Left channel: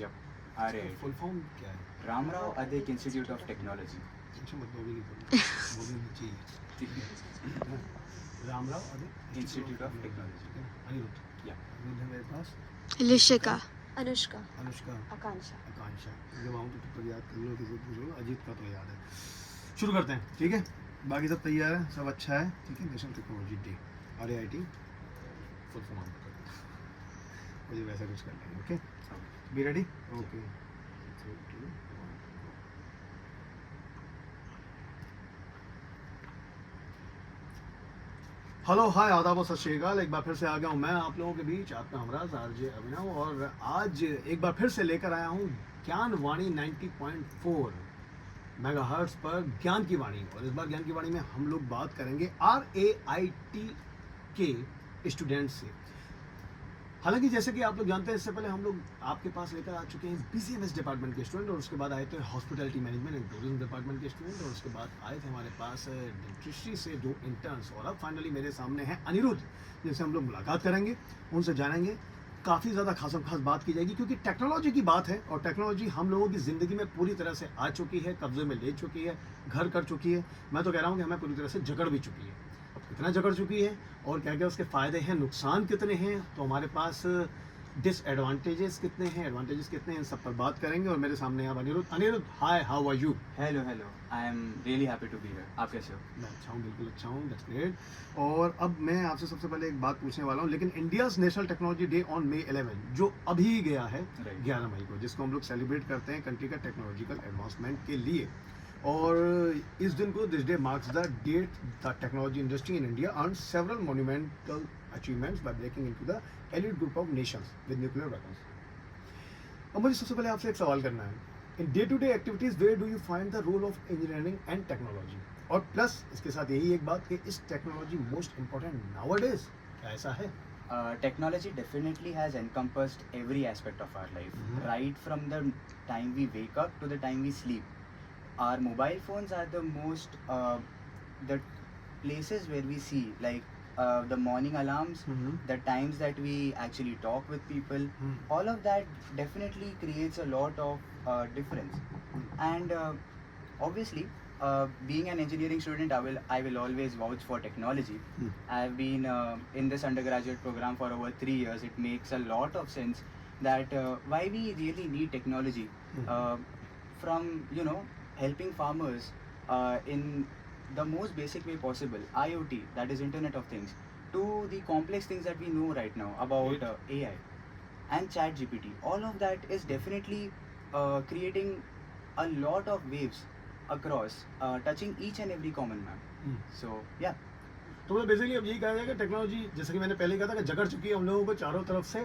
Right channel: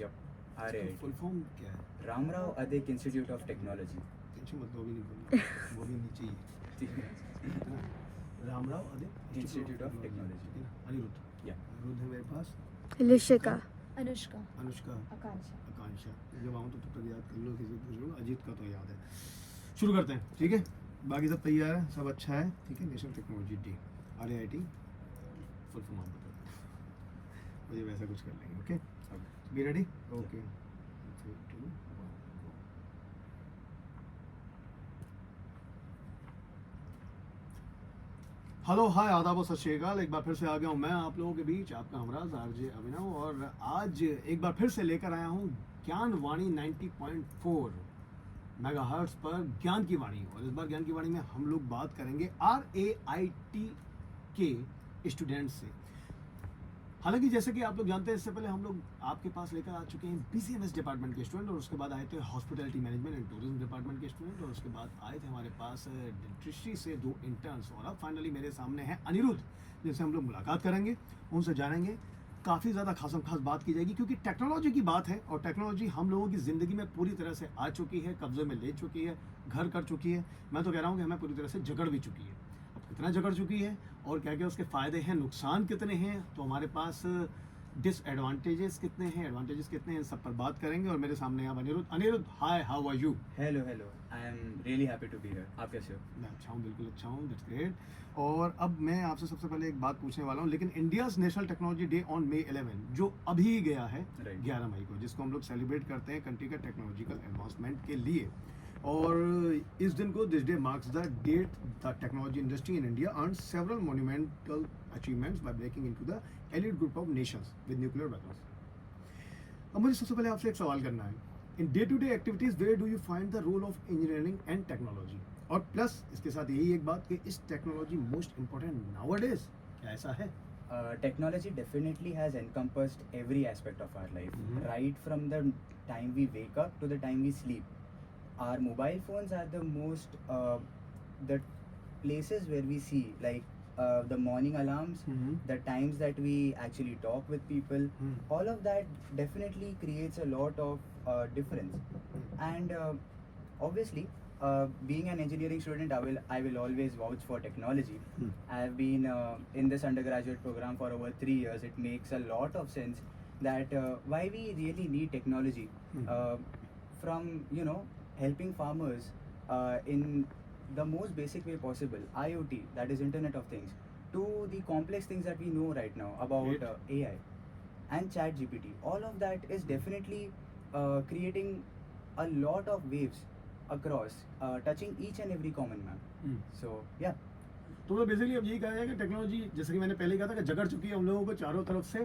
Yup RIIT full form क्या है? Ramrao Adik institute of technology. Tension मत लो, अभी नहीं बोलना, बोलनी नहीं चाहिए। Ramrao Adik institute of technology. Aniruddh. Yup Aniruddh है मेरे पास। लिशिका, अनुष्का, अनुष्का, आकांक्षा। आकांक्षा। जब आऊँ तो तब याद कर लो, किसी पूछ लो, अजीत का तो याद है। शुरू करते हैं, ठीक है? बाकी सब तैयार है, सब अच्छा है, ठीक है? National technology day, RIIT full form आपको कर दें। मुझे वैसा कुछ कर लेंगे, okay? Be ready? Okay. 3, 2, 1, go. Hello hi आदाब और सत श्री अकाल। एक बार फिर से आ गया हूँ मैं आप लोगों के बीच, आपका हमराज RJ अभिनव, और आज एक बार फिर से लेकर आया हूँ ज्ञान वाणी 90.4 मेगाहर्ट्ज पर ज्ञान की वाणी। और इस बार ज्ञान की वाणी में हम लोग बात करेंगे RAIT के स्टूडेंट से। हालांकि जैसे कि आप लोग जानते हैं, इससे पहले हम लोग आपके पास लेकर आ चुके हैं BCMS डिपार्टमेंट के स्टूडेंट, और उसके बाद आए थे hospitality management and tourism department के स्टूडेंट, और उसके बाद आए थे हमारे पास डेंटिस्ट्री से 2 इंटर्न्स, और अब फाइनली मेरे सामने हैं अनिरुद्ध, जिनसे हम लोग मुलाकात करेंगे, उनसे जानेंगे। काफ़ी ज़्यादा खास बात की जाएगी, क्योंकि टेक्नोलॉजी की बात है, और टेक्नोलॉजी हम लोगों की ज़िंदगी में पूरी तरह से आ चुकी है, कब्जे में ले चुकी है, घर कर चुकी है। मैं तो कह रहा हूँ कि हमें पूरी तरह से जकड़ भी चुकी है। अब कितना जकड़ चुकी है और क्या क्या उसके फ़ायदे हैं, नुकसान कितने हैं, तो हमारे पास डिसएडवांटेजेस कितने हैं, एडवांटेजेस कितने हैं, इन सब पर बात करेंगे। और मेरे सामने आप Aniruddh. Aniruddh, hi, how are you? Hello I am really happy to be here. आप कैसे हो? मैं अच्छा हूँ, बिल्कुल अच्छा हूँ, दैट्स ग्रेट। और अब मैं आपसे सबसे पहले एक बात पूछने वाला हूँ, लेकिन India's national technology day on May 11, जो अभी गया है Right. 11 मई को, जिसको हम लोग सेलिब्रेट करते हैं कंट्री का टेक्नोलॉजिकल एडवांसमेंट के लिए। और इस दिन को, this day marks the date the technology industry in India earn several monumental achievements by breaking into the elite group of nations with nuclear weapons. अब मुझे सबसे पहले आपसे एक सवाल करना है, in day to day activities where do you find the role of engineering and technology? और प्लस इसके साथ यही एक बात कि इस टेक्नोलॉजी मोस्ट इम्पोर्टेंट नाउअडेज, क्या ऐसा है? Technology definitely has encompassed every aspect of our life, Mhm. right from the time we wake up to the time we sleep. Our mobile phones are the most the places where we see, like the morning alarms, the times that we actually talk with people. All of that definitely creates a lot of difference. And obviously, being an engineering student, I will always vouch for technology. I've been in this undergraduate program for over 3 years. It makes a lot of sense that why we really need technology, from helping farmers in the most basic way possible, IoT, that is Internet of Things, to the complex things that we know right now about AI and ChatGPT. All of that is definitely creating a lot of waves across, touching each and every common man. So yeah. तो मतलब basically अब यही कहा जाए कि technology, जैसे कि मैंने पहले कहा था, कि जकड़ चुकी है हम लोगों को चारों तरफ से।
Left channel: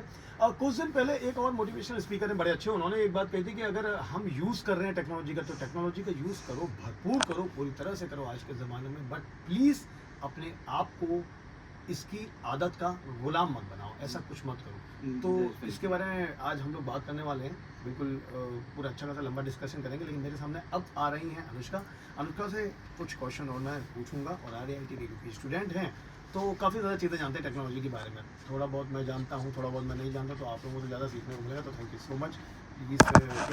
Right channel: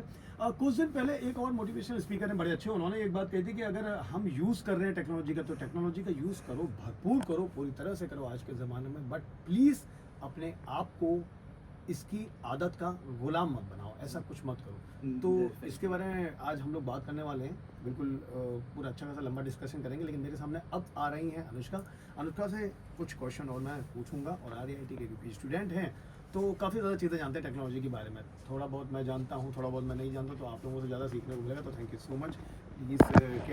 कुछ दिन पहले एक और मोटिवेशनल स्पीकर है, बड़े अच्छे, उन्होंने एक बात कही थी कि अगर हम यूज़ कर रहे हैं टेक्नोलॉजी का, तो टेक्नोलॉजी का यूज़ करो, भरपूर करो, पूरी तरह से करो आज के ज़माने में, बट प्लीज़ अपने आप को इसकी आदत का गुलाम मत बनाओ, ऐसा कुछ मत करो। तो इसके बारे में आज हम लोग बात करने वाले हैं, बिल्कुल पूरा अच्छा खासा लंबा डिस्कशन करेंगे। लेकिन मेरे सामने अब आ रही हैं अनुष्का। अनुष्का से कुछ क्वेश्चन और मैं पूछूंगा, और RIIT के क्योंकि स्टूडेंट हैं तो काफ़ी ज़्यादा चीज़ें जानते हैं टेक्नोलॉजी के बारे में। थोड़ा बहुत मैं जानता हूँ, थोड़ा बहुत मैं नहीं जानता, तो आप लोगों को ज़्यादा सीखने को मिलेगा। तो थैंक यू सो मच कि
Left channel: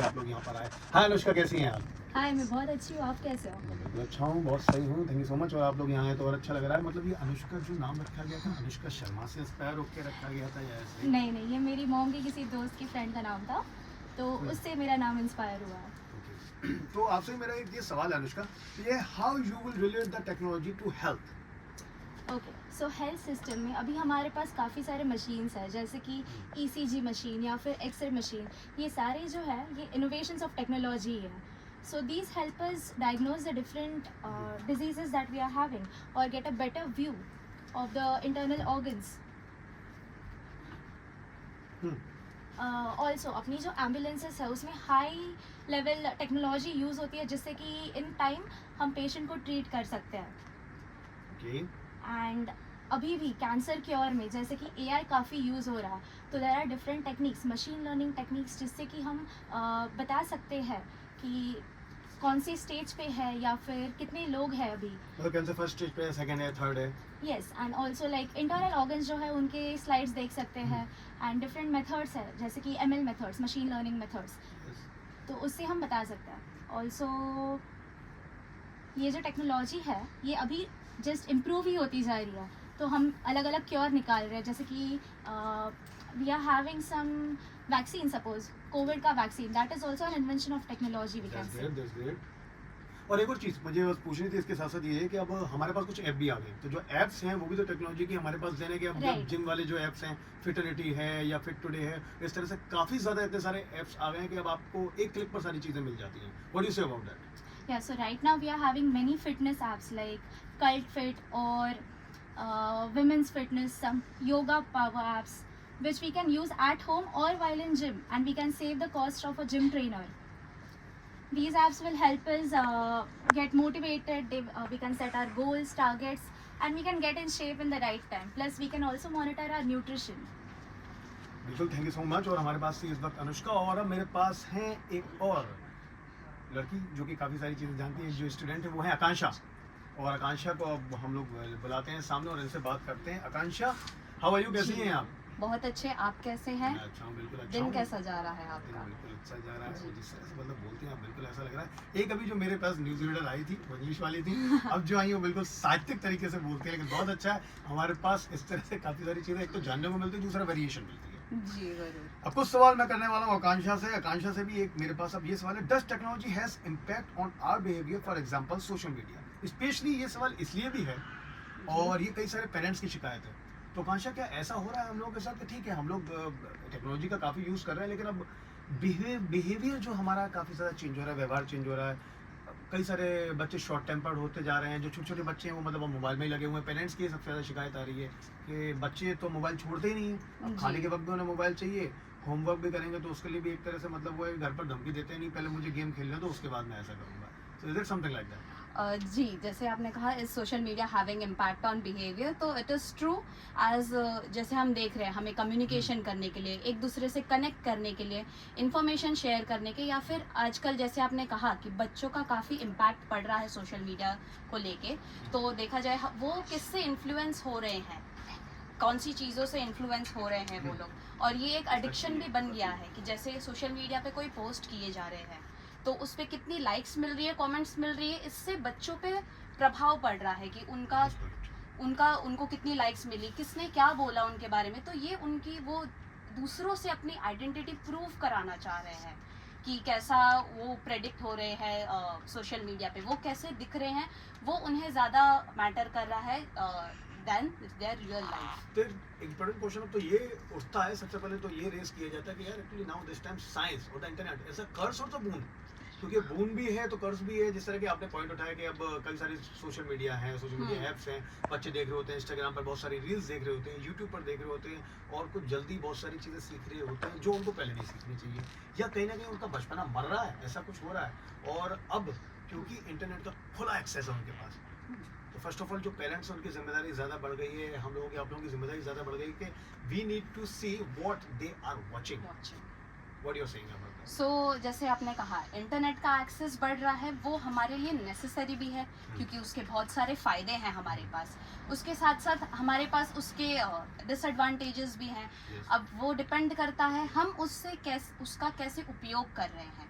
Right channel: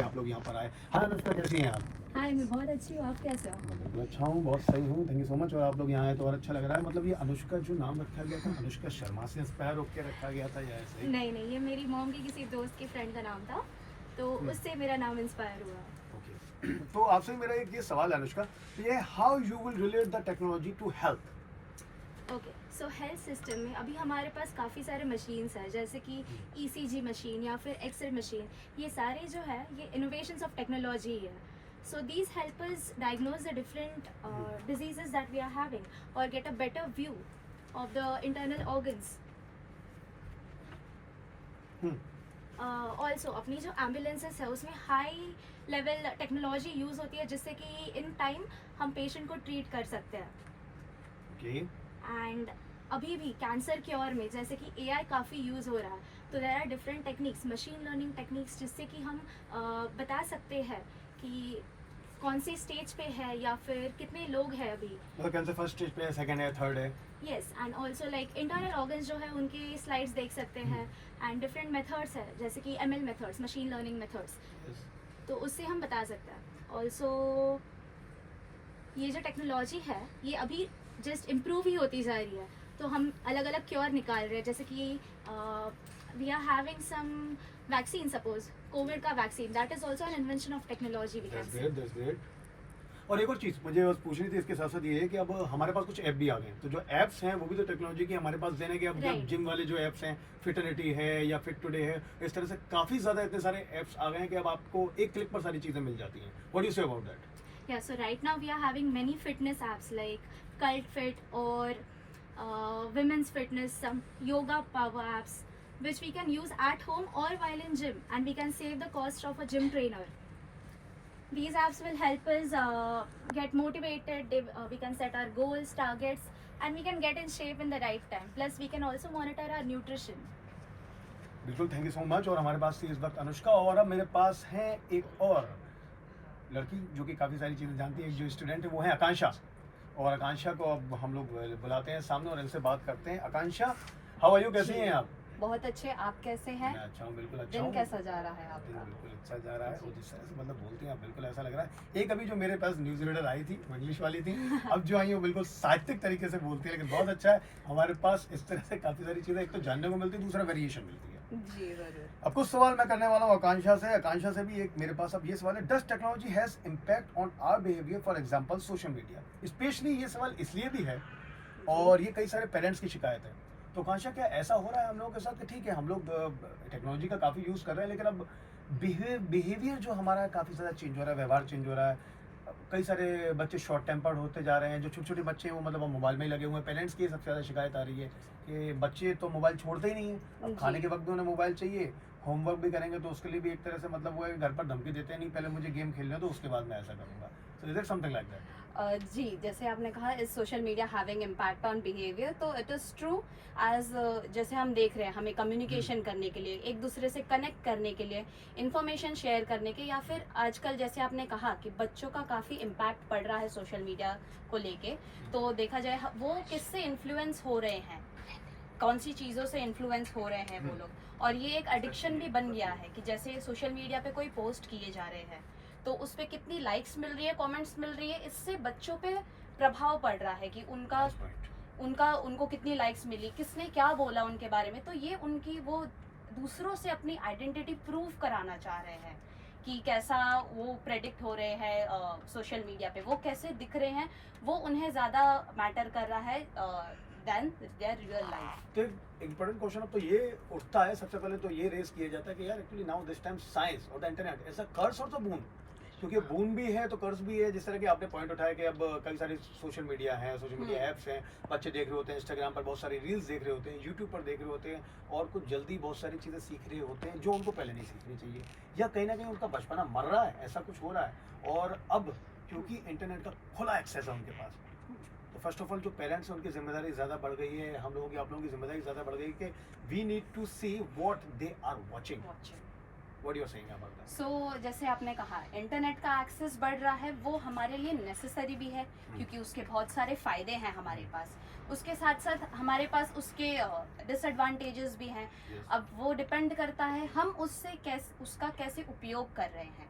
आप लोग यहाँ पर आए। हाय अनुष्का, कैसी हैं आप? हाय, मैं बहुत अच्छी हूँ, आप कैसे हो? मैं बिल्कुल अच्छा हूँ, बहुत सही हूँ, थैंक यू सो मच। और आप लोग यहाँ आए तो और अच्छा लग रहा है। मतलब ये अनुष्का जो नाम रखा गया था, अनुष्का शर्मा से इंस्पायर होकर रखा गया था या ऐसे ही? नहीं नहीं, ये मेरी मॉम के किसी दोस्त के फ्रेंड का नाम था, तो उससे मेरा नाम इंस्पायर हुआ। ओके, तो आपसे मेरा एक ये सवाल है अनुष्का, ये how you will relate the technology to health? Okay, so health system में अभी हमारे पास काफ़ी सारे मशीन्स हैं, जैसे कि ECG मशीन या फिर एक्सरे मशीन। ये सारे जो है, ये इनोवेशंस ऑफ टेक्नोलॉजी है। So these help us diagnose the different diseases that we are having और get a better view of the internal organs. Also अपनी जो एम्बुलेंसेस है, उसमें हाई लेवल टेक्नोलॉजी यूज़ होती है, जिससे कि इन टाइम हम पेशेंट को ट्रीट कर सकते हैं। ओके, एंड अभी भी कैंसर क्योर में जैसे कि AI काफ़ी यूज़ हो रहा है, तो there are different techniques, machine learning techniques, जिससे कि हम बता सकते हैं कि कौन सी स्टेज पे है या फिर कितने लोग हैं अभी। मतलब कैंसर फर्स्ट स्टेज पे है, सेकंड है, थर्ड है? Yes, and also like internal organs जो है उनके स्लाइड्स देख सकते हैं, एंड डिफरेंट मेथड्स है जैसे कि ML methods, machine learning methods, तो उससे हम बता सकते हैं। ऑल्सो ये जो टेक्नोलॉजी है ये अभी जस्ट इम्प्रूव ही होती जा रही है, तो हम अलग अलग क्योर निकाल रहे हैं, जैसे कि we are having some vaccine, suppose covid का vaccine, that is also an invention of technology we can say. That's great. और एक और चीज़ मुझे बस पूछनी थी इसके साथ साथ ये है कि अब हमारे पास कुछ ऐप भी आ गए, तो जो ऐप्स हैं वो भी तो टेक्नोलॉजी की हमारे पास देने के, अब Right. जिम वाले जो ऐप्स हैं, फिटनिटी है या फिट टुडे है, इस तरह से काफ़ी ज़्यादा इतने सारे ऐप्स आ गए हैं कि अब आपको एक क्लिक पर सारी चीज़ें मिल जाती हैं। What do you say about that? Yeah, so right now we are having many fitness apps like Cult Fit or women's fitness, some yoga power apps, which we can use at home or while in gym, and we can save the cost of a gym trainer. These apps will help us get motivated. We can set our goals, targets, and we can get in shape in the right time. Plus, we can also monitor our nutrition. बिल्कुल, thank you so much. और हमारे पास थी इस वक्त अनुष्का, और अब मेरे पास है एक और लड़की जो कि काफ़ी सारी चीज़ें जानती है। जो स्टूडेंट है वो है आकांक्षा, और आकांक्षा को अब हम लोग बुलाते हैं सामने और इनसे बात करते हैं। आकांक्षा, हाउ आर यू, कैसी हैं आप? बहुत अच्छे, आप कैसे हैं? मैं अच्छा हूँ, बिल्कुल अच्छा दिन हूँ। कैसा जा रहा है दिन आपका? बिल्कुल अच्छा जा रहा है, और जिस तरह से मतलब बोलती हैं आप, बिल्कुल ऐसा लग रहा है। एक अभी जो मेरे पास न्यूज़ रीडर आई थी वो इंग्लिश वाली थी, अब जो आई वो बिल्कुल साहित्यिक तरीके से बोलती है, लेकिन बहुत अच्छा है। हमारे पास इस तरह से काफ़ी सारी चीज़ें एक तो जानने को मिलती है, दूसरा वेरिएशन मिलती है। जी जरूर। अब कुछ सवाल मैं करने वाला हूँ आकांक्षा से। आकांक्षा से भी एक मेरे पास अब ये सवाल है, does technology has impact on our behaviour, for example social media? Specially ये सवाल इसलिए भी है, और ये कई सारे पेरेंट्स की शिकायत है। तो आकांक्षा, क्या ऐसा हो रहा है हम लोगों के साथ कि ठीक है हम लोग टेक्नोलॉजी का काफ़ी यूज़ कर रहे हैं, लेकिन अब बिहेवियर जो हमारा काफ़ी ज़्यादा चेंज हो रहा है, व्यवहार चेंज हो रहा है। कई सारे बच्चे शॉर्ट टेम्पर्ड होते जा रहे हैं, जो छोटे छोटे बच्चे हैं वो मतलब अब मोबाइल में ही लगे हुए हैं। पेरेंट्स की सबसे ज़्यादा शिकायत आ रही है कि बच्चे तो मोबाइल छोड़ते ही नहीं हैं, अब जी। खाने के वक्त भी उन्हें मोबाइल चाहिए, होमवर्क भी करेंगे तो उसके लिए भी एक तरह से मतलब वो है घर पर धमकी देते हैं, नहीं पहले मुझे गेम खेलना है तो उसके बाद मैं ऐसा करूँगा। So is it something like that? जी, जैसे आपने कहा इस social media having impact on behaviour, तो इट इज़ ट्रू। एज जैसे हम देख रहे हैं, हमें कम्युनिकेशन करने के लिए, एक दूसरे से कनेक्ट करने के लिए, इंफॉर्मेशन शेयर करने के, या फिर आजकल जैसे आपने कहा कि बच्चों का काफ़ी इम्पैक्ट पड़ रहा है सोशल मीडिया को लेके, तो देखा जाए वो किससे इन्फ्लुएंस हो रहे हैं, कौन सी चीज़ों से इन्फ्लुएंस हो रहे हैं वो लोग, और ये एक एडिक्शन भी बन गया है कि जैसे सोशल मीडिया पे कोई पोस्ट किए जा रहे हैं तो उस पर कितनी लाइक्स मिल रही है, कमेंट्स मिल रही है, इससे बच्चों पे प्रभाव पड़ रहा है कि उनको कितनी लाइक्स मिली, किसने क्या बोला उनके बारे में, तो ये उनकी वो दूसरों से अपनी आइडेंटिटी प्रूव कराना चाह रहे हैं कि कैसा वो प्रेडिक्ट हो रहे हैं सोशल मीडिया पे, वो कैसे दिख रहे हैं, वो उन्हें ज़्यादा मैटर कर रहा है देन देयर रियल लाइफ। तो इम्पोर्टेंट क्वेश्चन अब तो ये उठता है, सबसे पहले तो ये रेस किया जाता है कि यार actually now this time science और द इंटरनेट ऐसा कर्स और तो बून, क्योंकि बून भी है तो कर्स भी है। जिस तरह के आपने पॉइंट उठाया कि अब कई सारे सोशल मीडिया हैं, सोशल मीडिया ऐप्स हैं, बच्चे देख रहे होते हैं, इंस्टाग्राम पर बहुत सारी रील्स देख रहे होते हैं, यूट्यूब पर देख रहे होते हैं, और कुछ जल्दी बहुत सारी चीज़ें सीख रहे होते हैं जो उनको पहले नहीं सीखनी चाहिए, या कहीं ना कहीं उनका बचपना मर रहा है, ऐसा कुछ हो रहा है। और अब क्योंकि इंटरनेट का खुला एक्सेस है उनके पास, तो फर्स्ट ऑफ ऑल जो पेरेंट्स हैं उनकी जिम्मेदारी ज़्यादा बढ़ गई है, हम लोगों की, आप लोगों की जिम्मेदारी ज़्यादा बढ़ गई कि we need to see what they are watching. What you are saying about that? So जैसे आपने कहा इंटरनेट का एक्सेस बढ़ रहा है, वो हमारे लिए नेसेसरी भी है क्योंकि उसके बहुत सारे फ़ायदे हैं हमारे पास, उसके साथ साथ हमारे पास उसके डिसएडवांटेजेस भी हैं। Yes. अब वो डिपेंड करता है हम उसका कैसे उपयोग कर रहे हैं।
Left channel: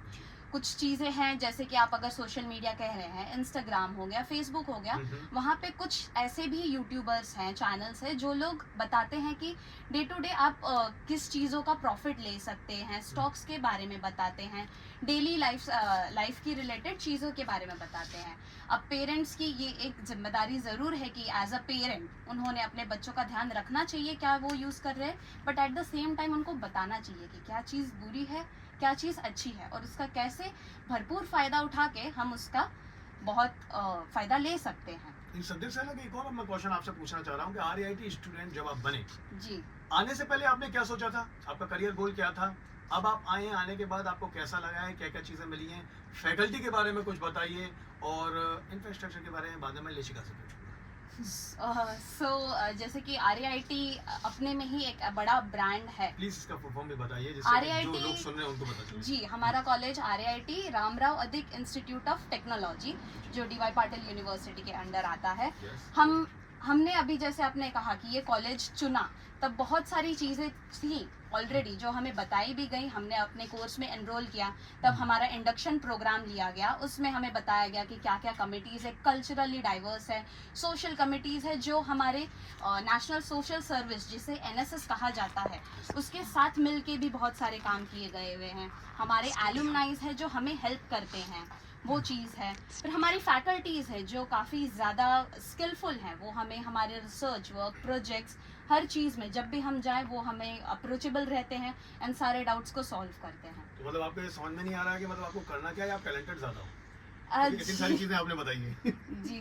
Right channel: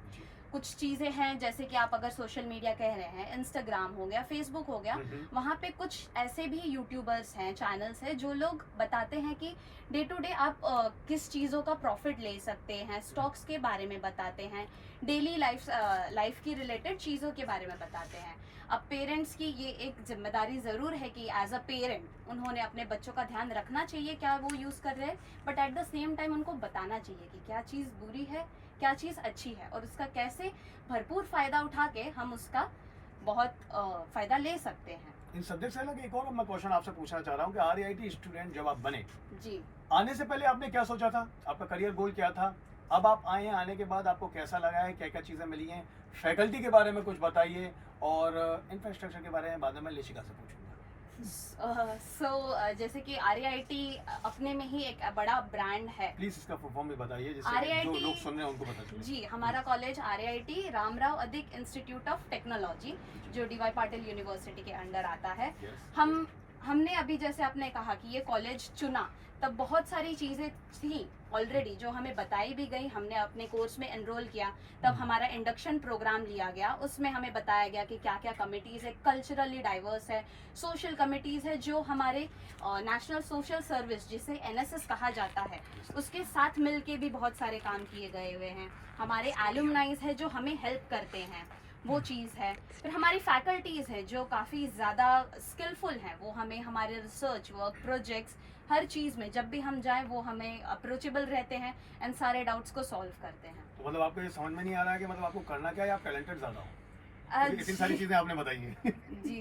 कुछ चीज़ें हैं जैसे कि आप अगर सोशल मीडिया कह रहे हैं, इंस्टाग्राम हो गया, फेसबुक हो गया, वहाँ पे कुछ ऐसे भी यूट्यूबर्स हैं, चैनल्स हैं जो लोग बताते हैं कि डे टू डे आप किस चीज़ों का प्रॉफिट ले सकते हैं, स्टॉक्स के बारे में बताते हैं, डेली लाइफ की रिलेटेड चीज़ों के बारे में बताते हैं। अब पेरेंट्स की ये एक जिम्मेदारी ज़रूर है कि एज अ पेरेंट उन्होंने अपने बच्चों का ध्यान रखना चाहिए क्या वो यूज़ कर रहे हैं, but at the same time उनको बताना चाहिए कि क्या चीज़ बुरी है, क्या चीज़ अच्छी है, और उसका कैसे भरपूर फ़ायदा उठा के हम उसका बहुत फ़ायदा ले सकते हैं। इन सब्जेक्ट से अलग एक और मैं क्वेश्चन आपसे पूछना चाह रहा हूँ कि RIT स्टूडेंट जब आप बने, जी, आने से पहले आपने क्या सोचा था, आपका करियर गोल क्या था, अब आप आए हैं, आने के बाद आपको कैसा लगा है, क्या क्या चीज़ें मिली हैं, फैकल्टी के बारे में कुछ बताइए, और इंफ्रास्ट्रक्चर के बारे में बाद में मैं लेशिका से पूछूंगा। सो जैसे कि RIT अपने में ही एक बड़ा ब्रांड है। प्लीज इसका फुल फॉर्म भी बताइए जिससे RIT जो लोग सुन रहे हैं उनको पता चले। जी, हमारा कॉलेज RIT रामराव अधिक इंस्टीट्यूट ऑफ टेक्नोलॉजी जो DY पाटिल यूनिवर्सिटी के अंडर आता है। Yes. हम हमने अभी जैसे आपने कहा कि ये कॉलेज चुना, तब बहुत सारी चीज़ें थी ऑलरेडी जो हमें बताई भी गई। हमने अपने कोर्स में एनरोल किया, तब हमारा इंडक्शन प्रोग्राम लिया गया, उसमें हमें बताया गया कि क्या क्या कमिटीज़ है, कल्चरली डाइवर्स है, सोशल कमिटीज़ है, जो हमारे नेशनल सोशल सर्विस जिसे NSS कहा जाता है उसके साथ मिल के भी बहुत सारे काम किए गए हुए हैं। हमारे एलुमनाइज है जो हमें हेल्प करते हैं, वो चीज़ है। फिर हमारी फैकल्टीज़ है जो काफ़ी ज़्यादा स्किलफुल हैं, वो हमें हमारे रिसर्च वर्क, प्रोजेक्ट्स, हर चीज़ में जब भी हम जाएं वो हमें अप्रोचेबल रहते हैं एंड सारे डाउट्स को सॉल्व करते हैं। तो मतलब आपको ये समझ में नहीं आ रहा है कि मतलब आपको करना क्या है, आप टैलेंटेड ज़्यादा हो? क्योंकि इतनी जी सारी चीज़ें आपने बताई हैं।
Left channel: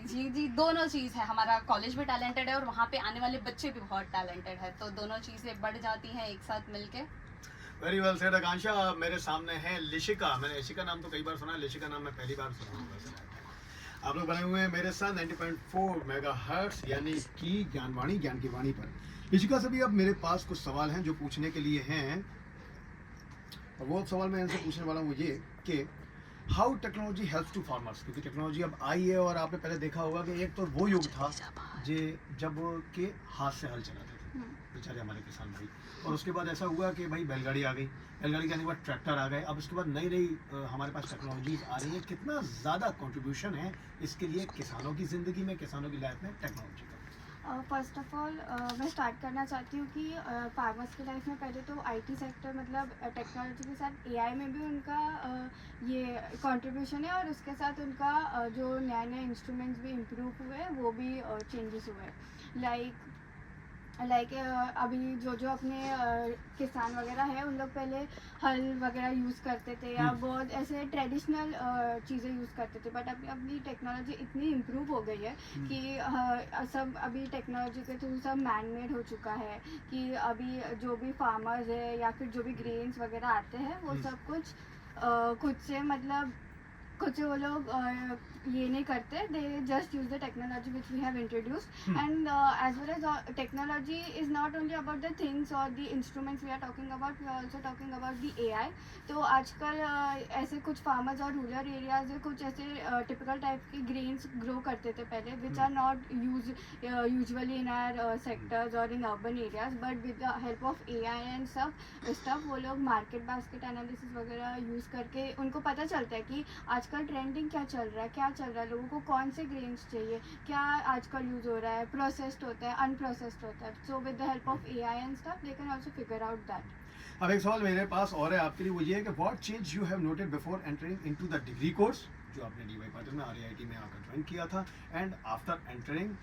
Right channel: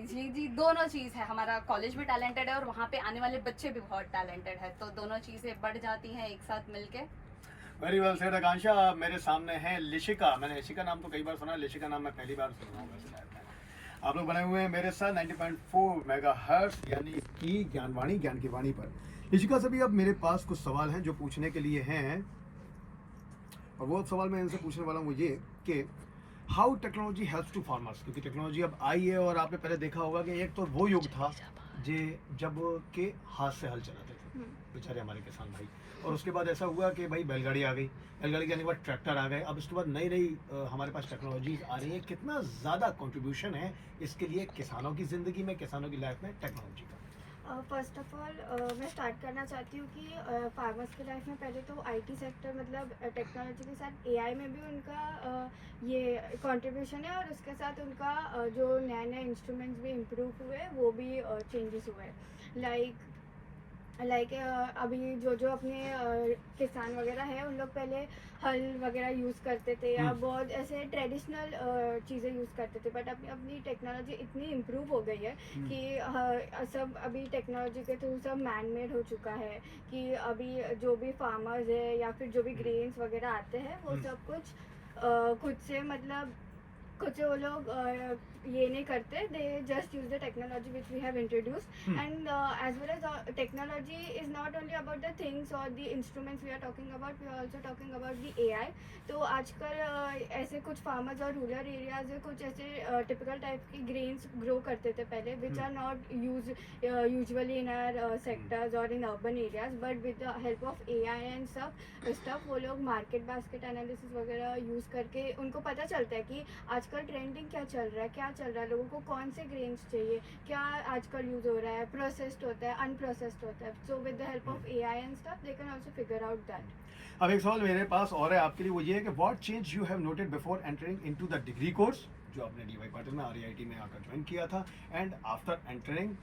जी, दोनों चीज़ है। हमारा कॉलेज भी टैलेंटेड है और वहाँ पे आने वाले बच्चे भी बहुत टैलेंटेड है, तो दोनों चीज़ें बढ़ जाती हैं एक साथ मिलके। वेरी वेल सेड आकांक्षा। मेरे सामने है लिशिका। मैंने इशिका नाम तो कई बार सुना, लिशिका नाम मैं पहली बार सुन रहा हूँ वैसे लाइफ में। आप लोग बने हुए हैं मेरे साथ 90.4 मेगाहर्ट्ज़ यानी कि ज्ञानवाणी, ज्ञान की वाणी पर। लिशिका से भी अब मेरे पास कुछ सवाल हैं जो पूछने के लिए हैं, और वो सवाल मैं इनसे पूछने वाला हूँ ये कि how technology helps to farmers, क्योंकि टेक्नोलॉजी अब आई है और आपने पहले देखा होगा कि एक तो वो युग था जब के हाथ से हल चलाते थे बेचारे हमारे किसान भाई, और उसके बाद ऐसा हुआ कि भाई बैलगाड़ी आ गई, बैलगाड़ी के आने के बाद ट्रैक्टर आ गए, अब इसके बाद नई नई हमारे पास टेक्नोलॉजीज आ रही है। कितना ज़्यादा कंट्रीब्यूशन है इसके लिए किसानों की ज़िंदगी में, किसानों की लाइफ में टेक्नोलॉजी का? फर्स्ट ऑफ ऑल मैं स्टार्ट करना चाहती हूँ कि फार्मर्स की लाइफ में पहले तो IT सेक्टर मतलब टेक्नोलॉजी के साथ AI में भी उनका ये कंट्रीब्यूशन है, और उसके साथ उनका जो नए नए इंस्ट्रूमेंट्स भी इम्प्रूव हुए, वो भी चेंजेस हुए। लाइक अभी जो अपने किसान वगैरह है, उन लोग पहले हल वगैरह यूज़ करते थे या बहुत ऐसे ट्रेडिशनल चीज़ें यूज़ करते थे, बट अभी अपनी टेक्नोलॉजी इतनी इम्प्रूव हो गई है कि सब अभी टेक्नोलॉजी के थ्रू सब मैन मेड हो चुका है कि अभी जो भी फार्मर्स है या फिर जो भी ग्रेन्स वगैरह आते हैं वो सब कुछ खुद से वो लोग ये नहीं करते, they just use the technology which we have introduced. And as well as technology is not only about the things और the instruments we are talking about, we are also talking about the AI। तो आजकल ऐसे कुछ farmers और rural areas में कुछ ऐसे typical type के ग्रेन्स ग्रो करते थे पहले, which are not usually in our sectors और in urban areas, but with the help of AI and stuff वो लोग मार्केट बास्केट एनालिसिस वगैरह यूज़ करके उनको पता चलता है कि आजकल ट्रेंडिंग क्या चल रहा है, लोगों को कौन से ग्रेन्स चाहिए, क्या आजकल यूज़ हो रहा है, प्रोसेस्ड होता है, अनप्रोसेस्ड होता है। So with the help of AI and stuff they can also figure out that. अब एक सवाल मेरे पास और है आपके लिए, वो ये है कि what change you have noted before entering into the degree course जो आपने DY पाटिल में RIT में आकर ज्वाइन किया था, and after entering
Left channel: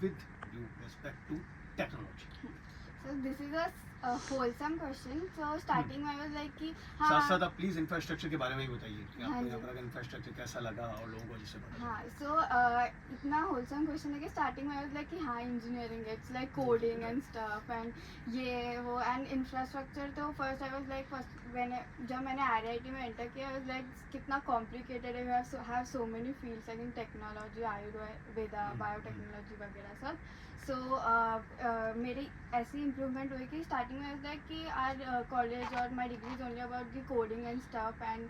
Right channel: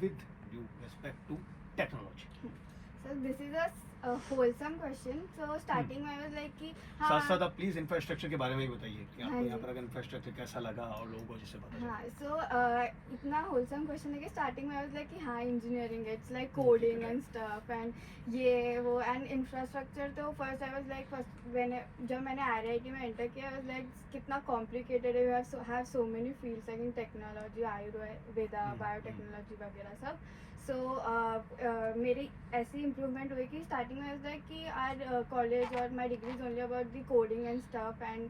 with due respect to technology? So this is a wholesome question. So starting I was like कि साथ साथ आप प्लीज इंफ्रास्ट्रक्चर के बारे में ही बताइए कि आपको हाँ यहाँ जी। पर अगर इंफ्रास्ट्रक्चर कैसा लगा और लोगों को जिससे पता हाँ, so इतना होलसम क्वेश्चन है कि स्टार्टिंग में I was like कि हाँ engineering it's like coding and stuff and ये वो एंड इंफ्रास्ट्रक्चर। तो फर्स्ट आई वाज लाइक जब मैंने RIT में एंटर किया I was like कितना कॉम्प्लिकेटेड है, we have so many fields like in technology, Ayurveda, biotechnology वगैरह सब। सो मेरी ऐसी इम्प्रूवमेंट हुई कि स्टार्टिंग में लाइक कि आर कॉलेज और my degree is only about the coding and stuff, and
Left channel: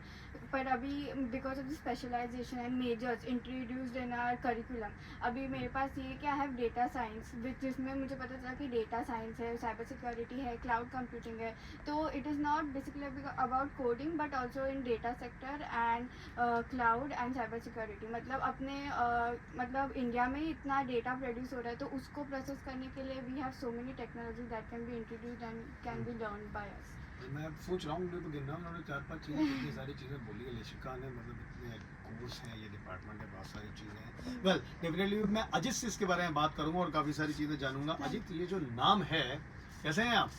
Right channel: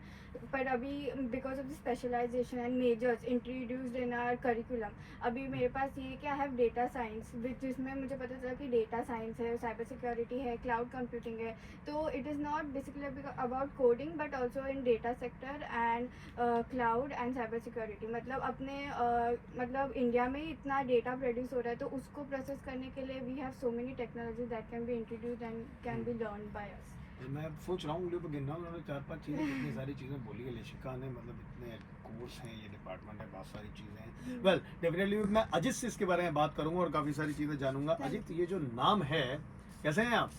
पर अभी because of the specialisation and majors introduced in our curriculum, अभी मेरे पास ये है कि आई हैव डेटा साइंस जिसमें मुझे पता चला कि डेटा साइंस है, साइबर सिक्योरिटी है, क्लाउड कंप्यूटिंग है। तो it is not basically about coding but also in data sector and cloud and cyber security. मतलब अपने मतलब इंडिया में इतना डेटा प्रोड्यूस हो रहा है, तो उसको प्रोसेस करने के लिए we have so many technology that can be introduced and can be learn by us. मैं सोच रहा हूँ तो गिन रहा हूँ, उन्होंने 4-5 चीज़ें इतनी सारी चीज़ें बोली है लिशिका ने, मतलब इतने कोर्स हैं, ये डिपार्टमेंट है, बहुत सारी चीज़ें हैं। वेल डेफिनेटली मैं अजित से इसके बारे में बात करूँगा और काफ़ी सारी चीज़ें जानूंगा। अजित, ये जो नाम है, कैसे हैं आप?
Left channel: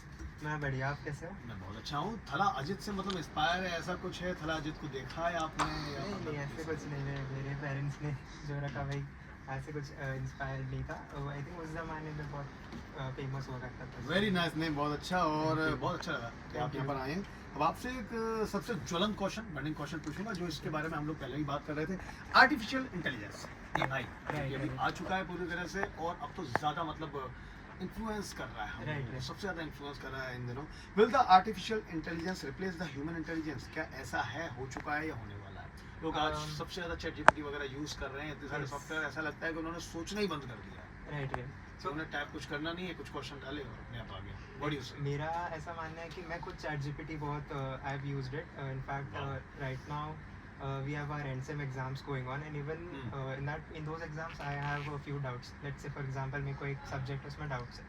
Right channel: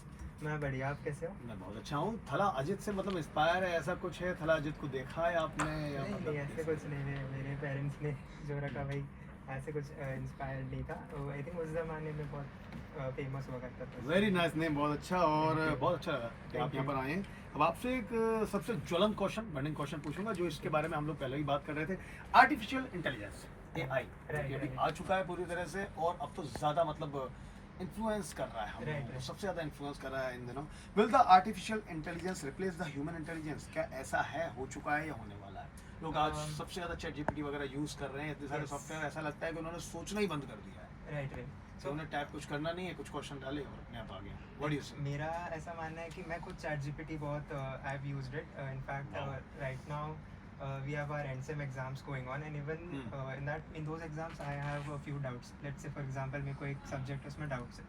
मैं बढ़िया, आप कैसे हो? मैं बहुत अच्छा हूँ। थला अजित से मतलब इंस्पायर है, ऐसा कुछ है? थला अजित को देखा है आपने या नहीं, मतलब ऐसे कुछ नहीं है, मेरे पेरेंट्स ने जो रखा भाई, ऐसे कुछ इंस्पायर्ड नहीं था। आई थिंक उस ज़माने में बहुत फेमस हुआ करता था। वेरी नाइस नेम, बहुत अच्छा, और बहुत अच्छा लगा कि आप यहाँ पर आए हैं। अब आपसे एक सबसे ज्वलंत क्वेश्चन, बर्निंग क्वेश्चन पूछूंगा, जो इसके बारे में हम लोग पहले ही बात कर रहे थे। आर्टिफिशियल इंटेलिजेंस, AI ये अभी आ चुका है पूरी तरह से, और अब तो ज़्यादा मतलब इन्फ्लुएंस कर रहा है हम लोगों को, सबसे ज़्यादा इन्फ्लुएंस कर रहा है इन दिनों। Will the artificial intelligence replace the human intelligence? क्या ऐसा है, हो चुका है या होने वाला है? लोग आज सबसे ज़्यादा ChatGPT वगैरह यूज़ कर रहे हैं, इतने सारे सॉफ्टवेयर, ऐसा लगता है कि उन्होंने सोचना ही बंद कर दिया है। राइट राइट तो उन्हें टाइप कुछ करना नहीं है, कुछ क्वेश्चन डाले और अपने आप आ गया। व्हाट डू यू से? मेरा ऐसा मानना है कि मैं खुद ChatGPT बहुत I have used it in fact right now we have our NSEM exams going on and even in those exams I have a few doubts. Let's say for example मेरे को एक subject उसमें doubts है.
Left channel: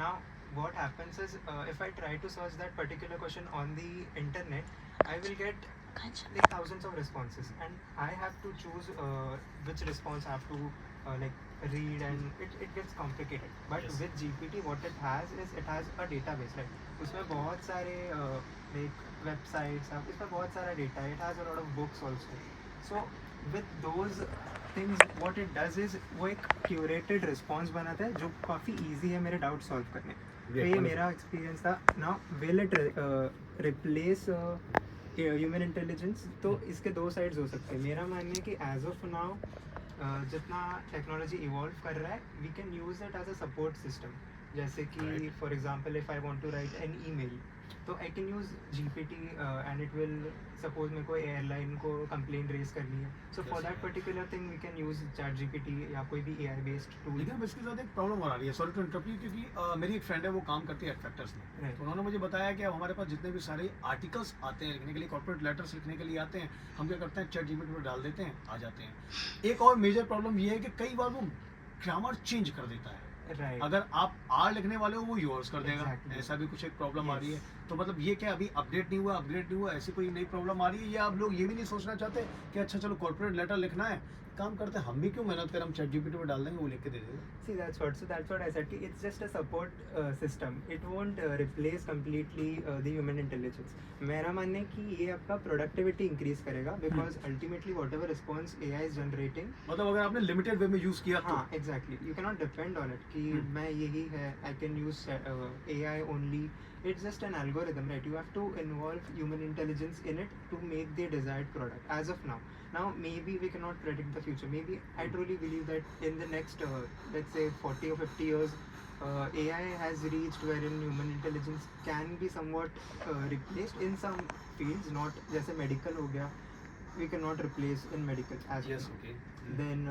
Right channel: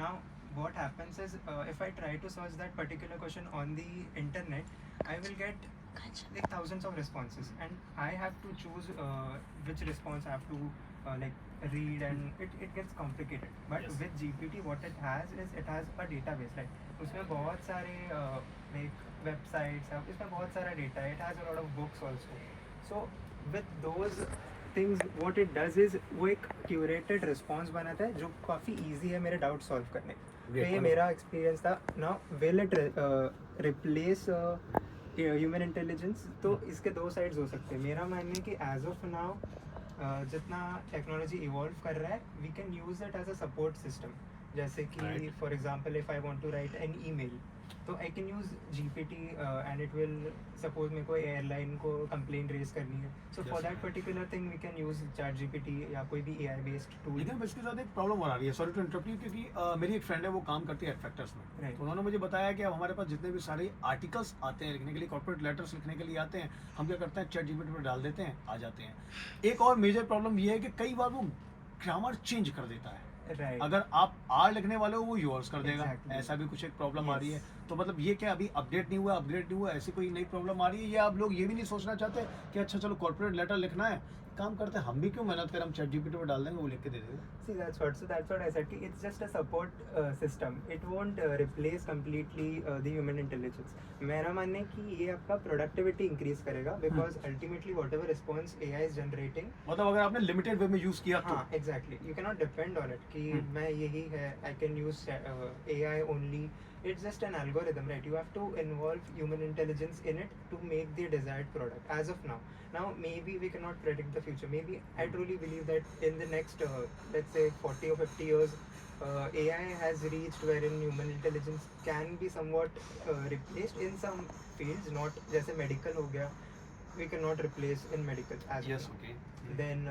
Now what happens is if I try to search that particular question on the internet, I will get like thousands of responses and I have to choose which response I have to like read and it gets complicated. But Yes. with GPT what it has is it has a database, like उसमें बहुत सारे like websites है, इसमें बहुत सारा data है, it has a lot of books also. So with those things what it does is वो एक curated response बनाता है जो काफ़ी easy है मेरे doubt solve करने. तो ये मेरा experience था. Now will it replace human intelligence? तो इसके दो साइड्स हो सकते हैं. मेरा मानना है कि एज ऑफ नाउ जितना टेक्नोलॉजी इवॉल्व कर रहा है we can use it as a support system. जैसे कि Right. For example if I want to write an email तो I can use GPT and it will suppose मेरे को airline को कंप्लेंट रेज करनी है, so for Yes, that right. Particular thing we can use ChatGPT या कोई भी AI based tool. लेकिन अब इसके साथ एक प्रॉब्लम और आ रही है, सॉरी टू इंटरप्ट यू, क्योंकि मेरी एक फ्रेंड है वो काम करती है एडफैक्टर्स में. Right. तो उन्होंने मुझे बताया कि अब हमारे पास जितने भी सारे आर्टिकल्स आते हैं लिखने के लिए, कॉर्पोरेट लेटर्स लिखने के लिए आते हैं, हम क्या करते हैं ChatGPT में डाल देते हैं, आ जाते हैं. एक और मेजर प्रॉब्लम ये है कि कई बार वो ग्रामर चेंज कर देता है. राइट. अगर आप आर लिखने वाले हो वो यूर्स कर देगा. Exactly. ऐसा भी कुछ एक प्रॉब्लम आ रही है. Yes. तो मतलब ये क्या अभी अपडेट नहीं हुआ ऐसी कोई नई प्रॉब्लम आ रही है, या आप लोग ये भी नहीं सोचना चाहते कि अच्छा चलो कॉर्पोरेट लेटर लिखना है, काम करते हैं हम भी क्यों मेहनत करें, हम ChatGPT में डाल देंगे वो लिख के दे देगा. See, that's what I said. It's just a support system. It won't replace completely the human intelligence. मेरा मानना है कि ये आपका productivity increase करेगा because ultimately whatever response AI is generating. मतलब अगर आपने लिमिटेड वे में यूज किया तो हाँ, exactly. You cannot depend on it कि मैं यही है. I can use AI only. It's just an algorithm, right? You have to involve human intelligence in it to make the desired product. As of now. Now maybe we cannot predict the future. Maybe I truly believe that in the next let's say 40 or 50 years AI has reached wherein human intelligence can be somewhat replaced in some fields, not जैसे medical हो गया, we cannot replace in medical as yes well. Okay. Then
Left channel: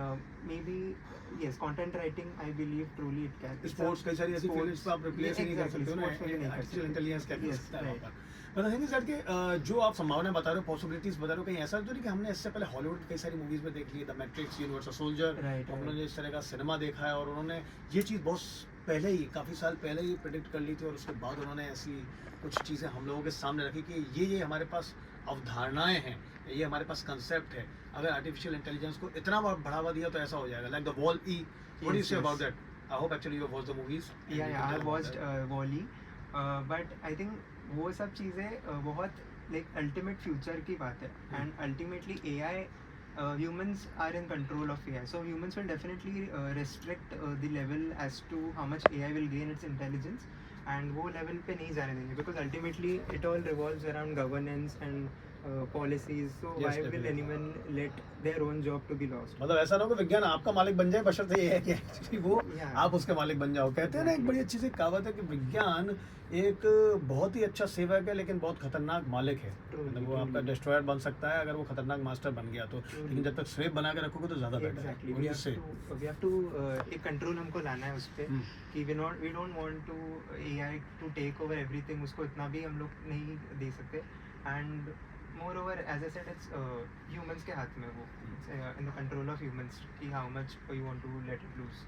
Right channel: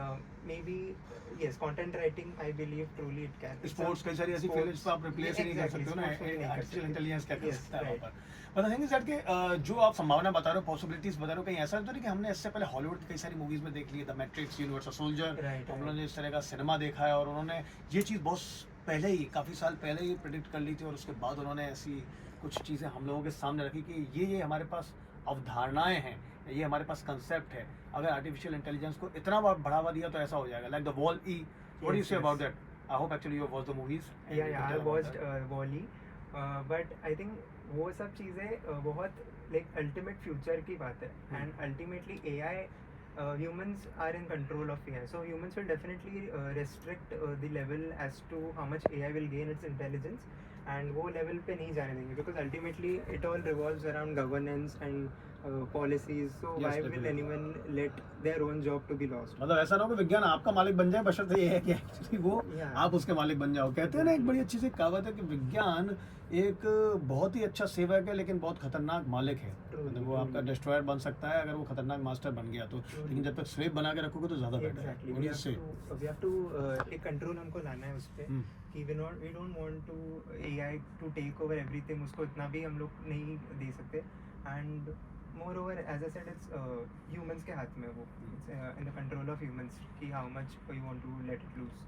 maybe yes, content writing I believe truly it can. It's sports a- कई सारी ऐसी sports- fields पे आप replace ही नहीं कर exactly, सकते हो ना, sports में भी नहीं कर आर्टिफिशियल सकते. इंटेलिजेंस क्या कर Yes, सकता है right. वहाँ पर. पर थिंग इज दैट कि जो आप संभावना बता रहे हो, पॉसिबिलिटीज बता रहे हो, कहीं ऐसा तो नहीं कि हमने इससे पहले हॉलीवुड की कई सारी मूवीज में देख ली, the Matrix, Universal Soldier, Right, हम लोगों right. ने इस तरह का सिनेमा देखा है और उन्होंने ये चीज़ बहुत पहले ही, काफ़ी साल पहले ही प्रेडिक्ट कर ली थी, और उसके बाद उन्होंने ऐसी कुछ चीज़ें हम लोगों के सामने रखी कि ये हमारे पास अवधारणाएं हैं, ये हमारे पास कंसेप्ट है. अगर आर्टिफिशियल इंटेलिजेंस को इतना बढ़ावा दिया तो ऐसा हो जाएगा, like the Wall E. What do you Yes, से yes. About that? I hope actually you watch the movies. Yeah, I watched Wall-E, but I think वो सब चीज़ें बहुत like ultimate future की बात है, and ultimately AI humans are in control of AI, so humans will definitely restrict the level as to how much AI will gain its intelligence, and वो level पे नहीं जाने देंगे because ultimately it all revolves around governance and policies, so Yes, why will definitely. anyone let their own job to be lost? मतलब ऐसा ना हो कि विज्ञान आपका मालिक बन जाए, बशर्ते ये है कि actually वो Yeah. आप उसके मालिक बन जाओ. कहते हैं ना, एक बड़ी अच्छी सी कहावत है कि विज्ञान एक बहुत ही अच्छा सेवक है लेकिन बहुत खतरनाक मालिक है. Truly, मतलब वो आपका truly. डिस्ट्रॉयर बन सकता है अगर वो खतरनाक मास्टर बन गया तो, लेकिन जब तक स्लेव बना के रखोगे तो ज्यादा बेटर है. Exactly. What do We you have say? to, we have to एक कंट्रोल हमको लाना है उस पे हम्म. कि we don't want to AI to take over everything. उसको इतना भी हम लोग नहीं दे सकते, and moreover as I said it's humans के हाथ में वो, it's in the control of humans कि how much you want to let it loose.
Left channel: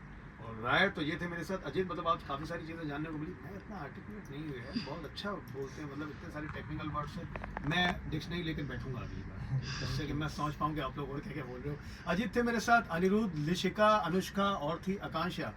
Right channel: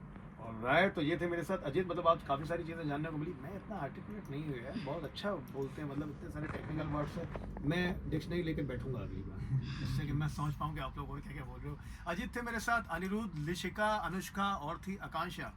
Alright, तो ये थे मेरे साथ अजीत. मतलब आप काफ़ी सारी चीज़ें जानने को मिली. मैं इतना आर्टिकुलेट नहीं हुआ यार, बहुत अच्छा बोलते हैं, मतलब इतने सारे टेक्निकल वर्ड्स हैं. मैं डिक्शनरी लेकर बैठूंगा अगली बार, जिससे कि मैं समझ पाऊँ कि आप लोग और क्या क्या बोल रहे हो. अजीत थे मेरे साथ, अनिरुद्ध, लिशिका, अनुष्का और थी आकांक्षा.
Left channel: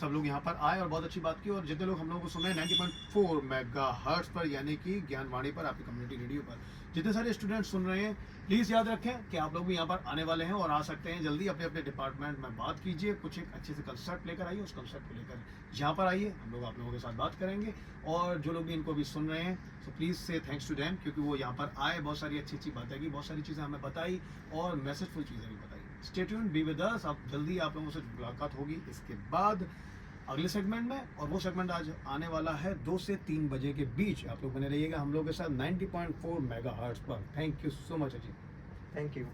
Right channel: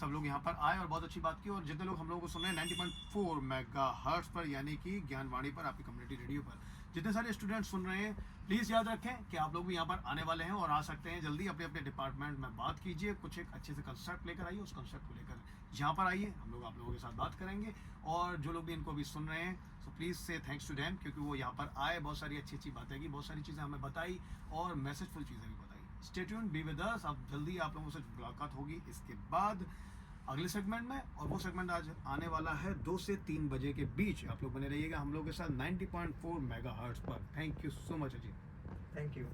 सब लोग यहाँ पर आए और बहुत अच्छी बात की. और जितने लोग हम लोगों को सुने 90.4 मेगाहर्ट्ज पर, यानी कि ज्ञानवाणी पर, आपकी कम्युनिटी रेडियो पर, जितने सारे स्टूडेंट सुन रहे हैं, प्लीज़ याद रखें कि आप लोग भी यहाँ पर आने वाले हैं और आ सकते हैं जल्दी. अपने अपने डिपार्टमेंट में बात कीजिए, कुछ एक अच्छे से कंसेप्ट लेकर आइए, उस कंसेप्ट को लेकर यहाँ पर आइए, हम लोग आप लोगों के साथ बात करेंगे. और जो लोग भी इनको भी सुन रहे हैं, सो प्लीज़ से थैंक्स टू देम, क्योंकि वो यहाँ पर आए, बहुत सारी अच्छी अच्छी बातें की, बहुत सारी चीज़ें हमें बताई और मैसेजफुल चीज़ें भी बताई. Stay tuned, be with us. अब जल्दी आप लोगों से मुलाकात होगी इसके बाद अगले सेगमेंट में, और वो सेगमेंट आज आने वाला है 2 से 3 बजे के बीच. आप लोग बने रहिएगा हम लोग के साथ 90.4 मेगाहर्ट्ज पर. Thank you so much Ajit. Thank you.